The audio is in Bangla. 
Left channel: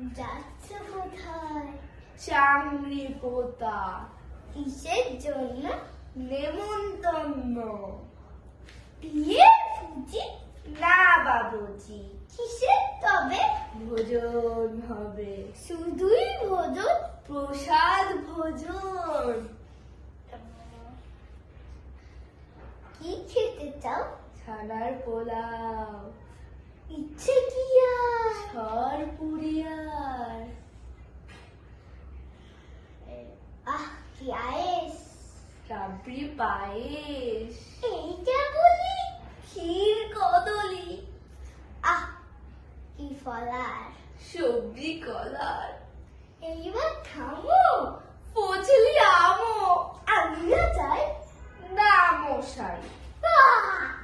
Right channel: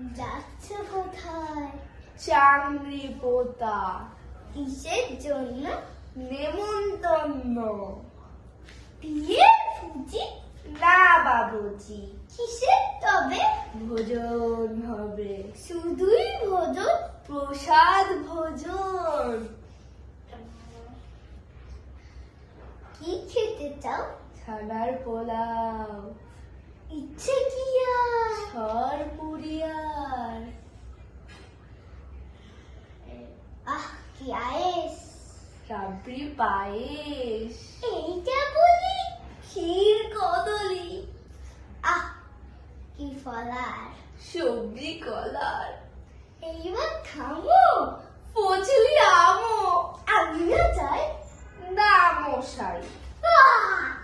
যাচ্ছে কোথায়? চাংরি পোতা। কিসের জন্য? নেমন্তন্ন। বিয়ের ভুজি? না বাবুজি, কিসের তবে? ভোজন হবে। শুধুই ভোজন? প্রসাদ ভোজন। কি খেতে চাও? ছানার পোলাও। ইচ্ছে কি আর? সর পুরিয়ার। কি আয়েস? রাবড়ি পায়েস। এইটা বলি? ক্ষীর কদলি। কি ফলার? সবজি কলার। এইবার খামো? ফজলি আমও। আমিও চাই। না মশাই। আহ!